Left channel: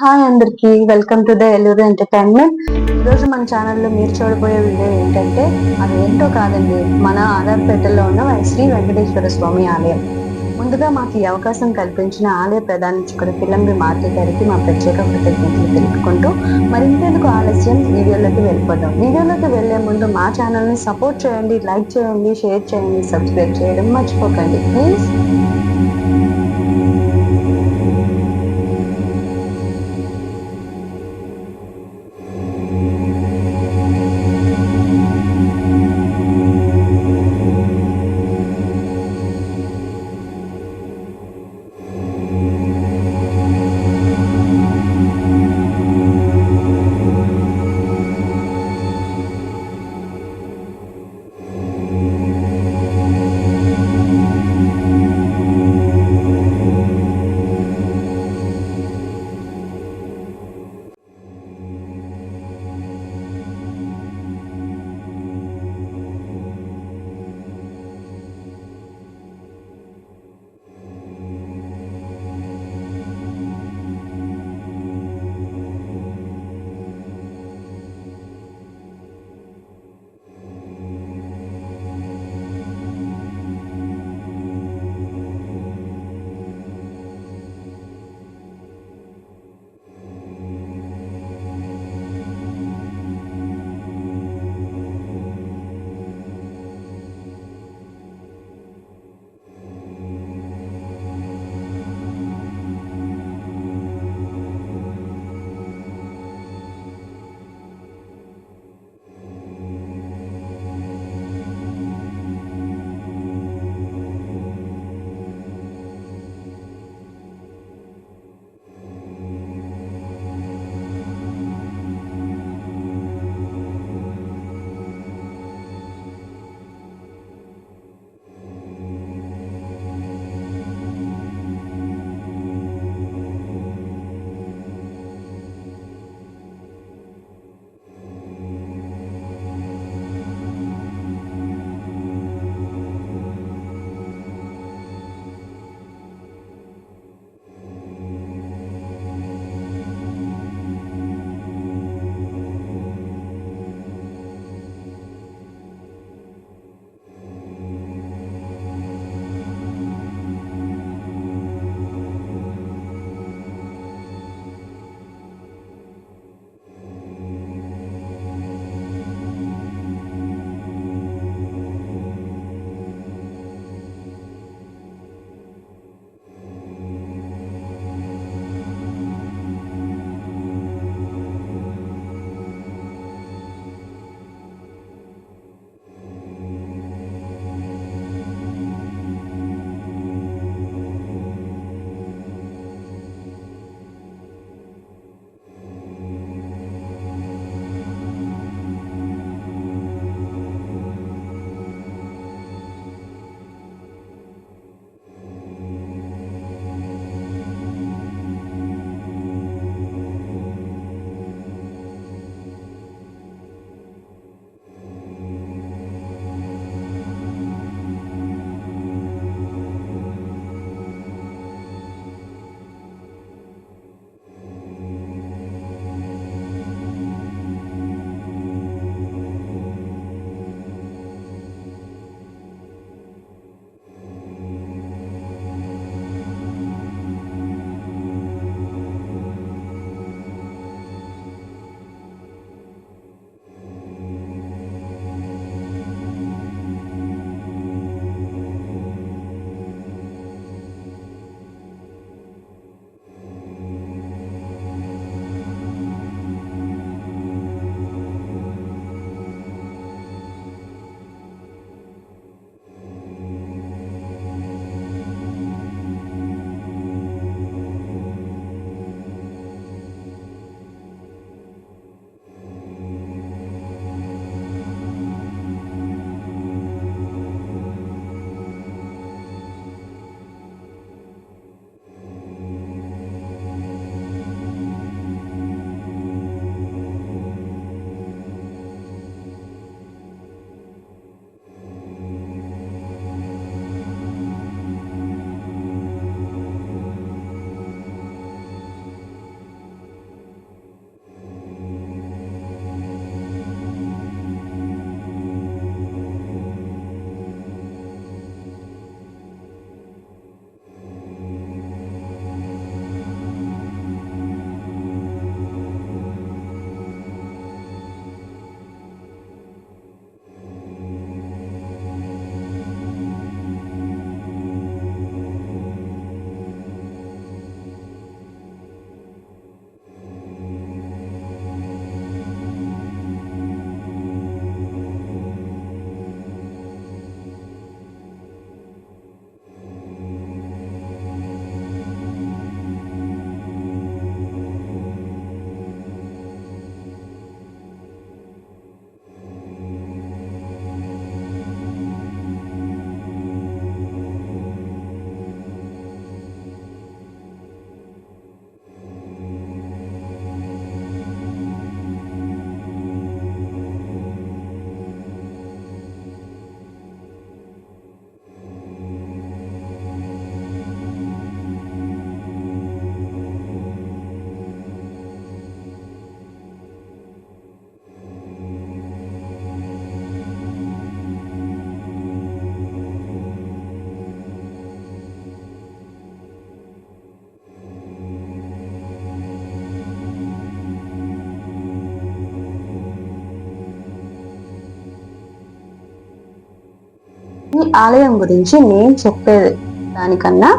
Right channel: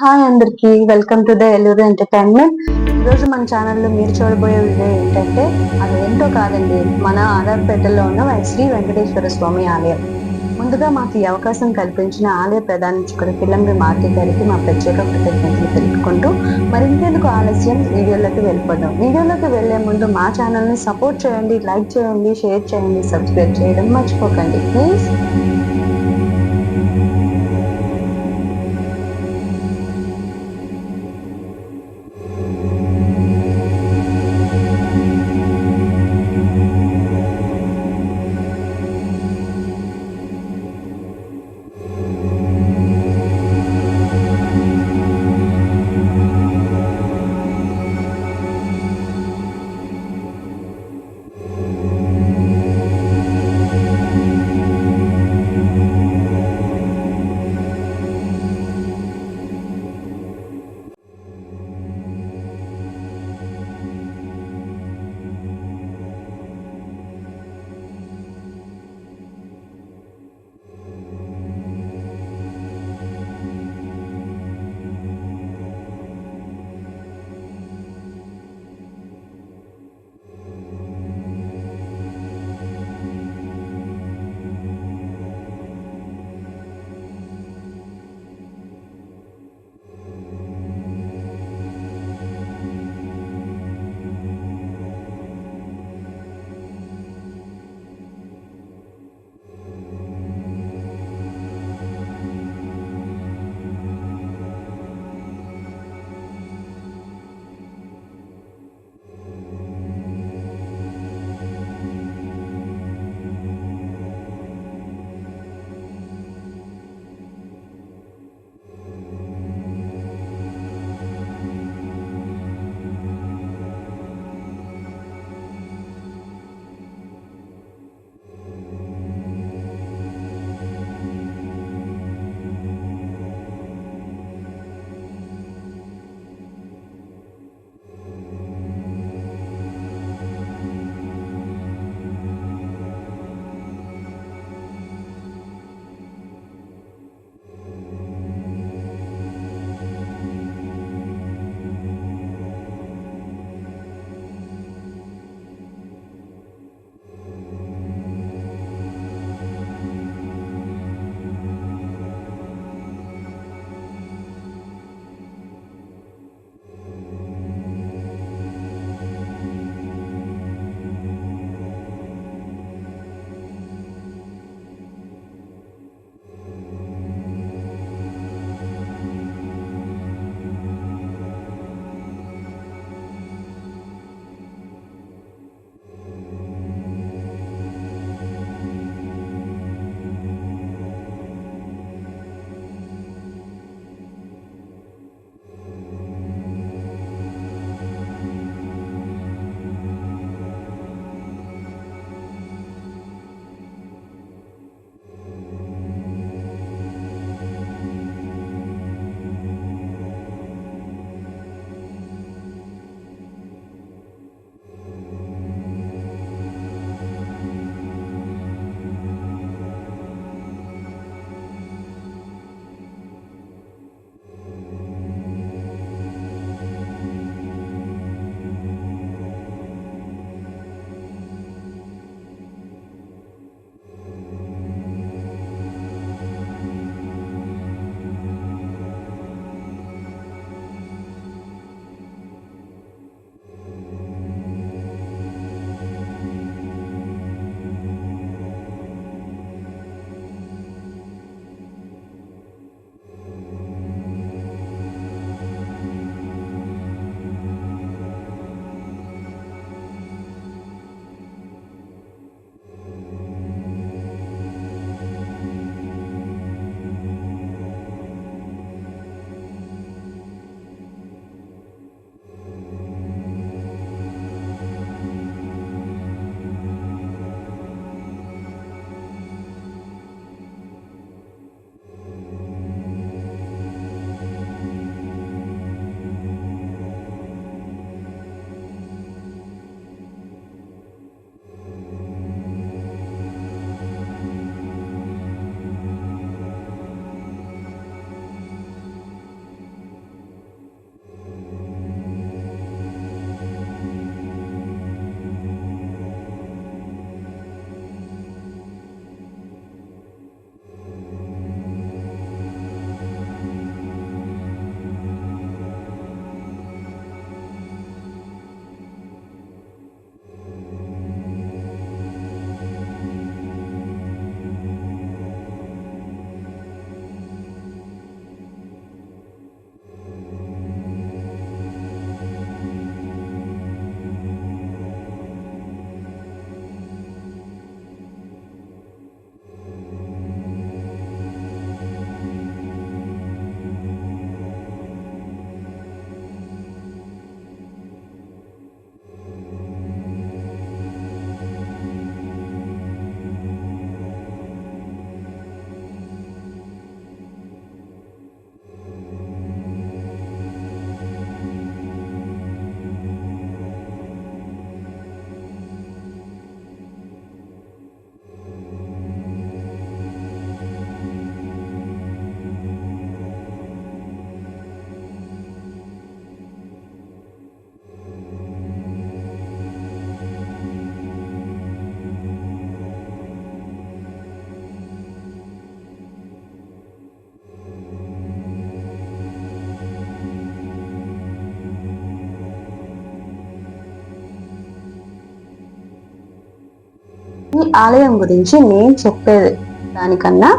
Hi అందరికి, welcome to the Elluru entertainment. ఈరోజు మన ఛానల్లో మీరు చూడబోయే వీడియో ఏంటంటే అది ఏంటో కాదండి, మన ఆధార్పేటలో ఉన్న శ్రీ వెంకటేశ్వర స్వామి ఆలయం. ముందుగా మాకు ఈ అవకాశం కల్పించిన ఆలయ ప్రధాన పిల్లంబి మారుతి గారికి మా ప్రత్యేక కృతజ్ఞతలు తెలుపుకుంటూ మరింకెందుకు ఆలస్యం, వీడియోలోకి వెళ్ళిపోదాం. వీడియోలోకి వెళ్లే ముందు మా ఛానల్ని సపోర్ట్ చేయండి, లైక్ చేయండి, షేర్ చేయండి, సబ్స్క్రైబ్ చేయడం మర్చిపోకండి ప్లీజ్. ఈ ఆలయం గురించి నేను చెప్పేది దానికన్నా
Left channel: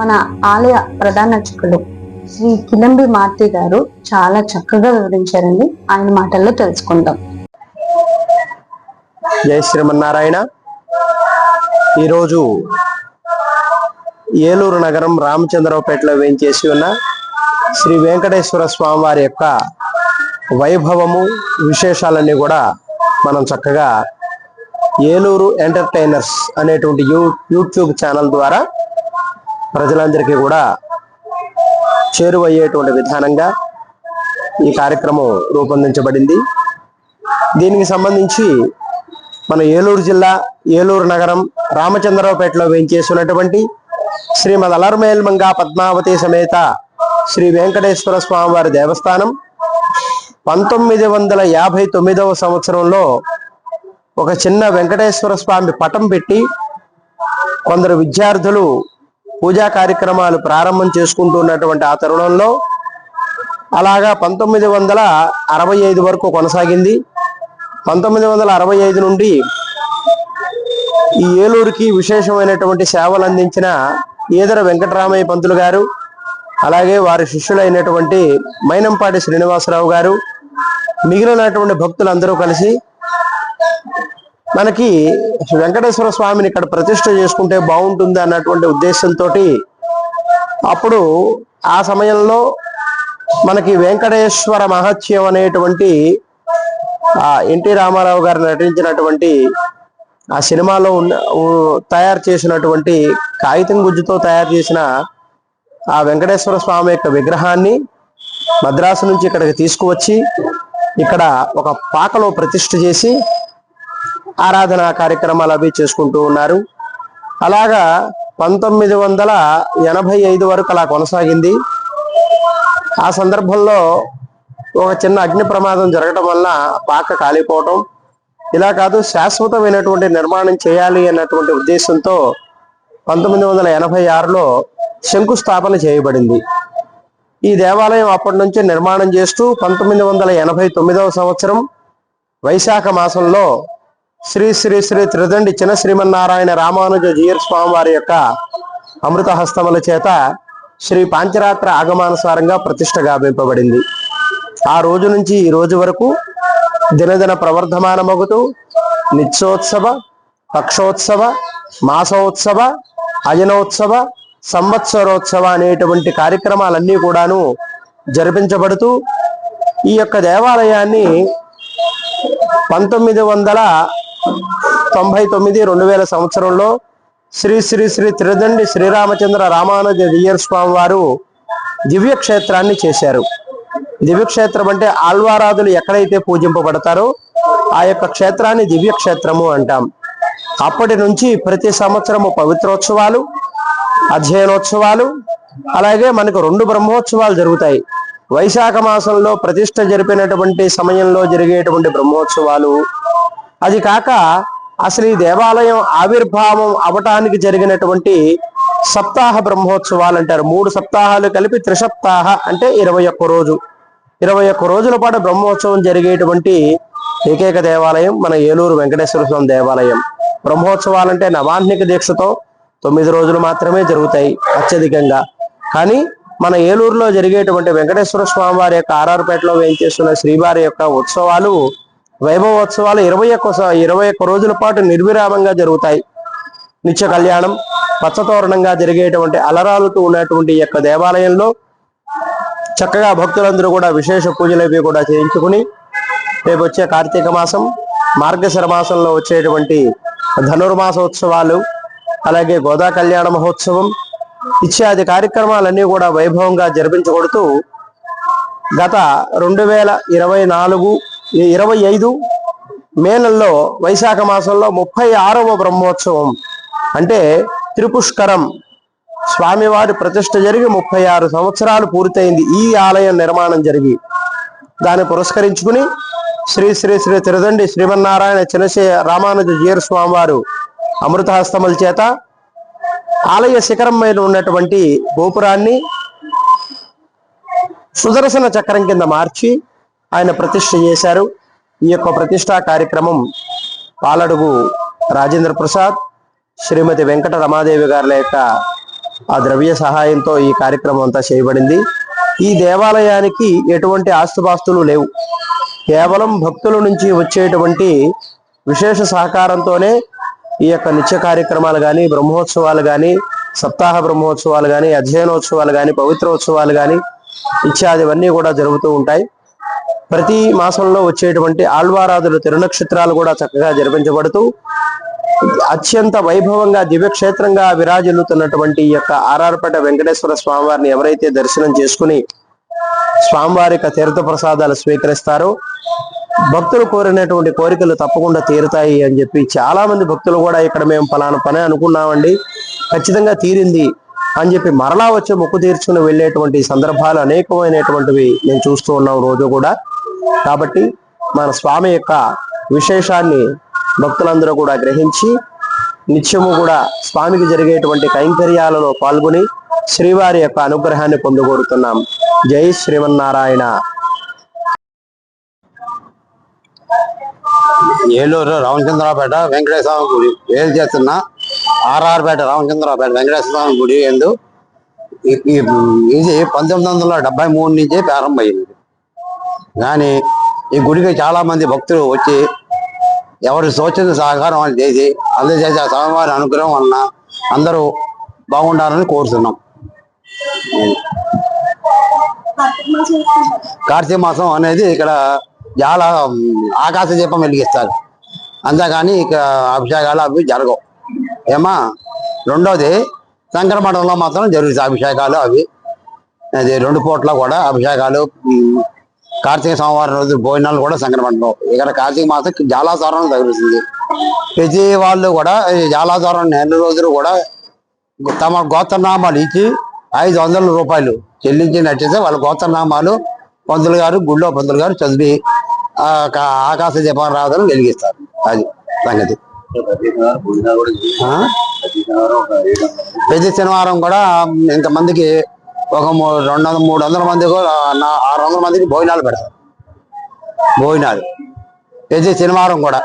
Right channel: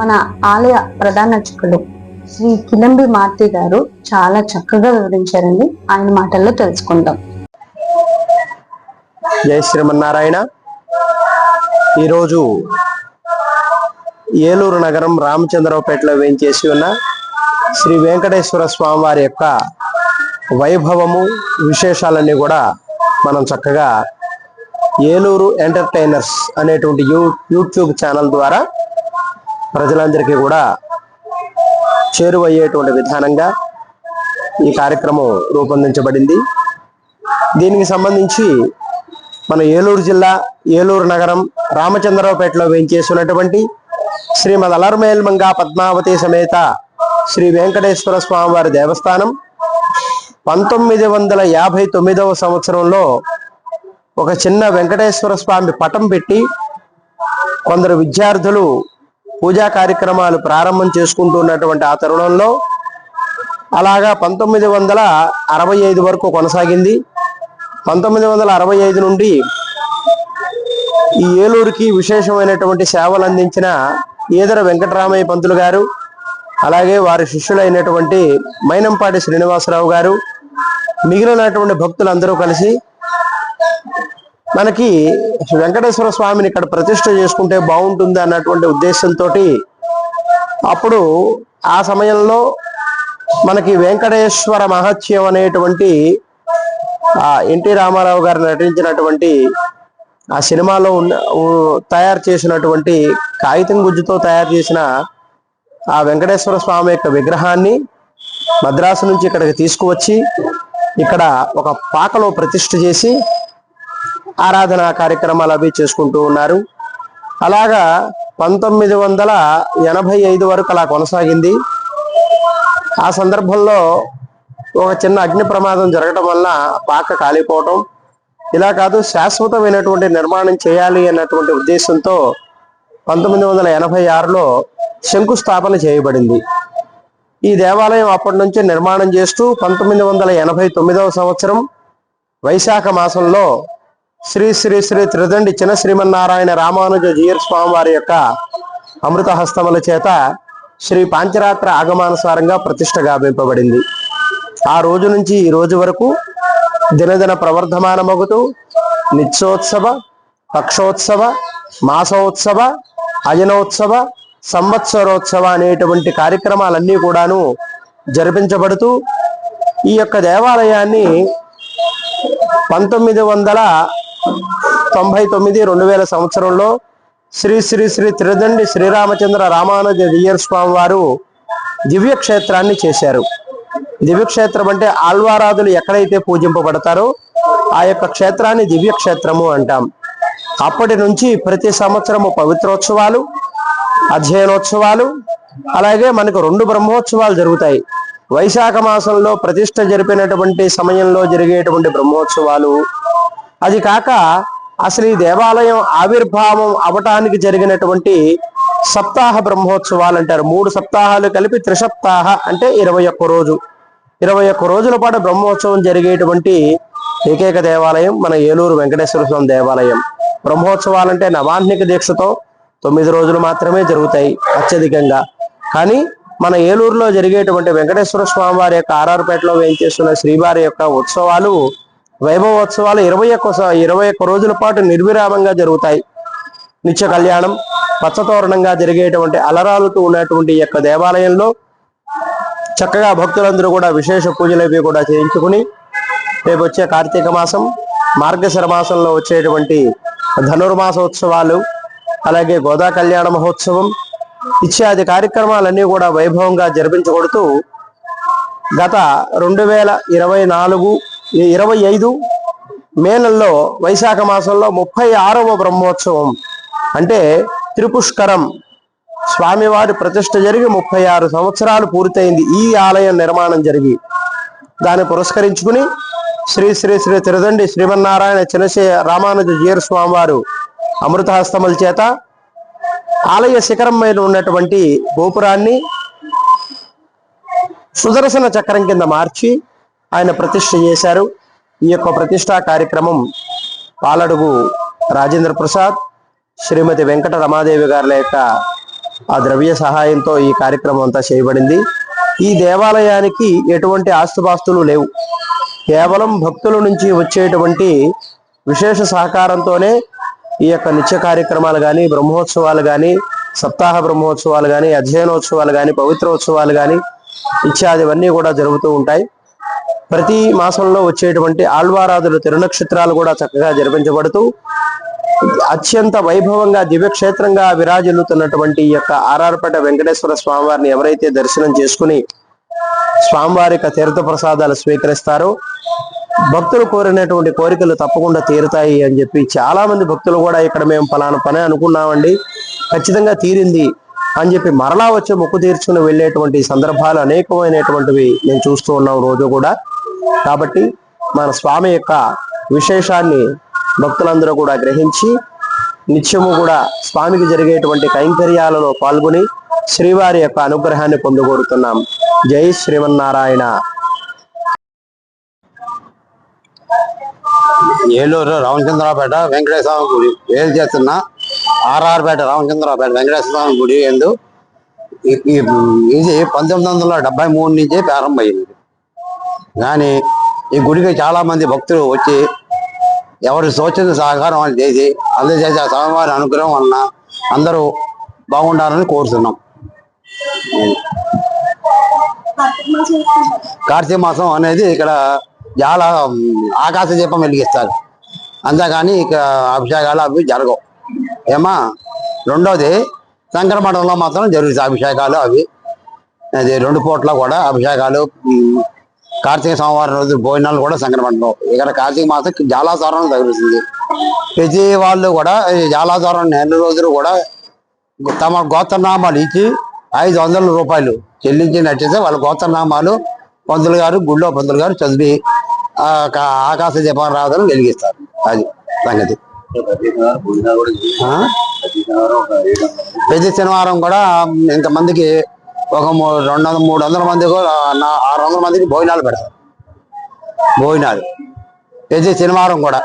మన ఆలయ ప్రధాన అర్చకులు శ్రీ కిలంబి మార్తి గారు చాలా చక్కగా వివరించారండి. ఆయన మాటల్లో తెలుసుకుందాం. జై శ్రీమన్నారాయణ. ఈరోజు ఏలూరు నగరం రామచంద్రరావుపేటలో వేయించేసి ఉన్న శ్రీ వెంకటేశ్వర స్వామి వారి యొక్క వైభవము విశేషాలన్నీ కూడా మనం చక్కగా ఏలూరు ఎంటర్టైనర్స్ అనేటువంటి యూట్యూబ్ ఛానల్ ద్వారా ప్రజలందరికీ కూడా చేరువయ్యేటువంటి విధానంగా ఈ కార్యక్రమం రూపొందించబడింది. దీనికి సంబంధించి మన ఏలూరు జిల్లా ఏలూరు నగరం రామచంద్రరావుపేటలో వేయించేసినటువంటి శ్రీమద్ అలర్మేల్మంగా పద్మావతి సమేత శ్రీ వెంకటేశ్వర స్వామి వారి దేవస్థానం 1959వ సంవత్సరంలో ఒక చిన్న వెంకటేశ్వర స్వామి పటం పెట్టి కొందరు విద్యార్థులు పూజా కార్యక్రమాలు ప్రారంభం చేసుకుంటున్నటువంటి ఆ తరుణంలో అలాగా 1965 వరకు కొనసాగింది. 1965 నుండి ఈ ఏలూరుకి విశేషమైనటువంటి సేవలు అందించిన ఈదర వెంకటరామయ్య పంతులు గారు, అలాగే వారి శిష్యులైనటువంటి మైనంపాటి శ్రీనివాసరావు గారు, మిగిలినటువంటి భక్తులందరూ కలిసి మనకి వెంకటేశ్వర స్వామిని ఇక్కడ ప్రతిష్ఠ చేసుకుంటే బాగుంటుంది అన్నటువంటి ఉద్దేశంతో అప్పుడు ఆ సమయంలో మనకి వెంకటేశ్వర మహత్యం అనేటువంటి ఎన్టీ రామారావు గారు నటించినటువంటి ఆ సినిమాలో తయారు చేసినటువంటి కాగితం గుజ్జుతో తయారు చేసిన ఆ వెంకటేశ్వర స్వామి యొక్క విగ్రహాన్ని మద్రాసు నుంచి ఇక్కడికి తీసుకువచ్చి ఇక్కడ ఒక పాకలో ప్రతిష్ఠ చేసి ఆరాధనా కార్యక్రమాలు అవి చేసుకుంటూ ఉన్నారు. అలాగా 1985 వరకు అలా కొనసాగింది. ఆ సందర్భంలో ఒక చిన్న అగ్ని ప్రమాదం జరగడం వల్ల పాక కాలిపోవటం, ఇలా కాదు శాశ్వతమైనటువంటి నిర్మాణం చేయాలి అన్నటువంటి ఉద్దేశంతో 1986లో శంకుస్థాపన చేయబడింది. ఈ దేవాలయం అప్పటి నుంచి నిర్మాణం చేస్తూ 1989వ సంవత్సరం వైశాఖ మాసంలో శ్రీ శ్రీ శ్రీ త్రిదండి చిన్న శ్రీమన్నారాయణ రామానుజ జీయర్ స్వామి వారి యొక్క అమృత హస్తముల చేత శ్రీ పాంచరాత్ర ఆగమానుసారంగా ప్రతిష్ఠ గావింపబడింది. ఆ రోజు నుంచి ఈ రోజు వరకు దినదిన ప్రవర్ధమానమగుతూ నిత్యోత్సవ, పక్షోత్సవ, మాసోత్సవ, అయనోత్సవ, సంవత్సరోత్సవ అనేటువంటి కార్యక్రమాలన్నీ కూడాను జరిపించబడుతూ ఈ యొక్క దేవాలయాన్ని 1999-2000 సంవత్సరంలో శ్రీ శ్రీ శ్రీ త్రిదండి శ్రీరామచంద్ర రామానుజ జీయర్ స్వామి వారు దివ్యక్షేత్రాన్ని చేశారు. దివ్యక్షేత్రం అంటే ఆళ్వారాధులు ఎక్కడైతే పూజింపబడతారో ఆ యొక్క క్షేత్రాన్ని దివ్యక్షేత్రము అంటాం. అప్పటి నుంచి ప్రతి సంవత్సరము పవిత్రోత్సవాలు, అధ్యయనోత్సవాలు, అలాగే మనకు 2 బ్రహ్మోత్సవాలు జరుగుతాయి. వైశాఖ మాసంలో ప్రతిష్ఠ జరిపినటువంటి సమయంలో జరిగేటువంటి బ్రహ్మోత్సవాలు, అది కాక అసలు ఈ దేవాలయం ఆవిర్భావం అవటానికి జరిగినటువంటి సప్తాహ బ్రహ్మోత్సవాలు అంటారు. 3 సప్తాహాలు కలిపి త్రిసప్తాహ అంటే 21 రోజు. 21 రోజుల పాటు బ్రహ్మోత్సవం జరిగేటువంటి ఏకైక దేవాలయం మన ఏలూరు వెంకటేశ్వర స్వామి దేవాలయం. బ్రహ్మోత్సవాలంటే నవాహ్నిక దీక్షతో 9 రోజులు మాత్రమే జరుగుతాయి అత్యధికంగా. కానీ మన ఏలూరులో జరిగేటువంటి వెంకటేశ్వర స్వామి వారి యొక్క ఆర్ఆర్పేటలో వేయించేస్తున్న శ్రీవారి యొక్క ఉత్సవాలు, వైభవోత్సవాలు 21 రోజుల పాటు నిర్విరామంగా జరుగుతాయి. నిత్య కళ్యాణం, పచ్చతోరణంగా జరిగేటువంటి అలరాలుతూ ఉన్నటువంటి ఈ యొక్క దేవాలయంలో చక్కగా భక్తులందరూ కూడా విశేష పూజలు కూడా చేయించుకుని రేపు వచ్చే కార్తీక మాసం, మార్గశిర మాసంలో వచ్చేటువంటి ధనుర్మాసోత్సవాలు, అలాగే గోదా కళ్యాణ మహోత్సవం ఇత్యాది కార్యక్రమాలన్నీ కూడా వైభవంగా జరిపించబడుతూ గత 2025 మే నెలలో వైశాఖ మాసంలో 36వ బ్రహ్మోత్సవం అంటే త్రిపుష్కరం స్వామివారి ప్రతిష్ఠ జరిగి 36 సంవత్సరాలు పూర్తయింది ఈ ఆలయం నిర్మాణం జరిగి. దాన్ని పురస్కరించుకుని శ్రీ శ్రీ శ్రీ త్రిదండి శ్రీమన్నారాయణ చిన్నశ్రీ రామానుజ జీయర్ స్వామి వారు అమృతహస్తముల చేత ఆలయ శిఖరం మీద ఉన్నటువంటి గోపురాన్ని సుదర్శన చక్రం కింద మార్చి ఆయన ప్రతిష్ఠ చేశారు. ఈ యొక్క ప్రతిష్టా కార్యక్రమం పాలడుగు రాజేంద్ర ప్రసాద్, శ్రీమతి వెంకట రమాదేవి గారుల యొక్క ఆ ద్రవ్య సహాయంతో ఈ కార్యక్రమం అంతా చేయబడింది. ఈ దేవాలయానికి ఎటువంటి ఆస్తుపాస్తులు లేవు. కేవలం భక్తుల నుంచి వచ్చేటువంటి విశేష సహకారంతోనే ఈ యొక్క నిత్య కార్యక్రమాలు కానీ, బ్రహ్మోత్సవాలు కానీ, సప్తాహ బ్రహ్మోత్సవాలు కానీ, అధ్యయనోత్సవాలు కానీ, పవిత్రోత్సవాలు కానీ ఇత్యాదివన్నీ కూడా జరుగుతూ ఉంటాయి. ప్రతి మాసంలో వచ్చేటువంటి ఆళ్వారాధుల తిరునక్షత్రాలు కూడా చక్కగా జరిపించబడుతూ అత్యంత వైభవంగా దివ్యక్షేత్రంగా విరాజిల్లుతున్నటువంటి ఈ యొక్క ఆర్ఆర్పేట వెంకటేశ్వర స్వామివారిని ఎవరైతే దర్శనం చేసుకుని స్వామివారి యొక్క తీర్థ ప్రసాదాలు స్వీకరిస్తారో భక్తులు కోరినటువంటి కోరికలు తప్పకుండా తీరుతాయి అని చెప్పి చాలా మంది భక్తులు కూడా ఇక్కడ మేము ఫలానా పని అనుకున్నామండి, ఖచ్చితంగా తీరింది అని చెప్పి మరలా వచ్చి మొక్కు తీర్చుకుని వెళ్ళేటువంటి సందర్భాలు అనేకమైనటువంటివి నేను చూస్తూ ఉన్నాం రోజు కూడా. కాబట్టి మన స్వామి యొక్క విశేషాన్ని భక్తులందరూ కూడా గ్రహించి నిత్యము కూడా స్వామికి జరిగేటువంటి కైంకర్యాలలో పాల్గొని శ్రీవారి యొక్క అనుగ్రహాన్ని పొందగోరుతున్నాం. జై శ్రీమన్నారాయణ. ఏలూరు రామచంద్రపేట వెంకటేశ్వర స్వామి గుడి వేలు చేస్తున్న ఆర్ఆర్పేట రామచంద్రపేట వెంకటేశ్వర స్వామి గుడి ఎందు ఇది 1973 నుంచే ప్రారంభమైంది. కానీ ఈ గుడికి చాలా మంది భక్తులు వచ్చి ఎవరి సూచన సహకారం వాళ్ళు చేసి అందజేసే స్వామివారి అనుగ్రహం వలన అందరూ బాగుండాలని కోరుతున్నాం. కార్తీక మాసం అనేది ఇక్కడ చాలా ఆకాశ దీపం వెలిగిస్తారు, అంతేగాని ఇక అభిషేకాలు అవి జరగవు ఏమా. రెండోది శంకరమఠంలో మాత్రం జరుగుతాయి అభిషేకాలు అవి. అది 2 పూట్ల కూడా అభిషేకాలు. కార్తీక సోమవారం రోజు భోజనాలు కూడా శంకరమఠంలో. ఇక్కడ కార్తీక మాసం జాలాచారం తగులుతుంది. ప్రతి వాళ్ళు కూడా జాలాచారం నెల రోజులు కూడా తమ గోత్రనామాలు ఇచ్చి 500 రూపాయలు చెల్లించినట్టయితే వాళ్ళ గోత్రనామాలు పంతులు గారు గుళ్ళో పంతులు గారు చదివి ఆకాశ దీపారాధన వెలిగిస్తారు. అది సంగతి. ప్రతి శనివారం కూడా ఇంతమందికి ఒక 200-300 మంది 600 మందికి భోజనాలు పెడతారు. భోజనాలు ప్రతి శనివారం కూడా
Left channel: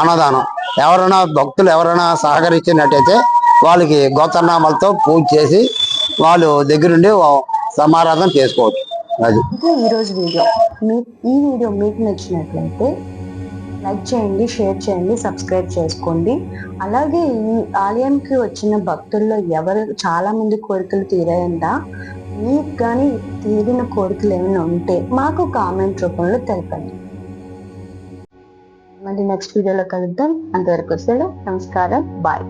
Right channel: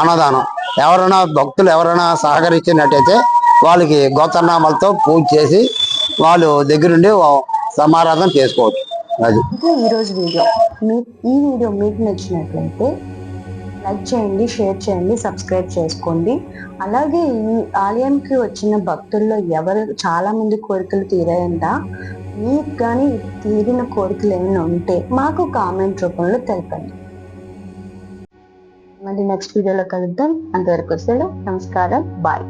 అన్నదానం. ఎవరైనా భక్తులు ఎవరైనా సహకరించినట్టయితే వాళ్ళకి గోత్రనామాలతో పూజ చేసి వాళ్ళు దగ్గరుండి సమారాధన చేసుకోవచ్చు. అది ఈరోజు వీడియో. ఈ వీడియో మీకు నచ్చినట్లయితే లైక్ చేయండి, షేర్ చేయండి, సబ్స్క్రైబ్ చేసుకోండి. అలాగే ఈ ఆలయానికి వచ్చిన భక్తుల్లో చాలా మంది కోరికలు తీరాయంట. మీకు కానీ తీరిన కోరికలు ఏమైనా ఉంటే మాకు కామెంట్ రూపంలో తెలపండి. మళ్ళీ నెక్స్ట్ వీడియోలో కలుద్దాం. అంతవరకు సెలవు. నమస్కారం. బాయ్.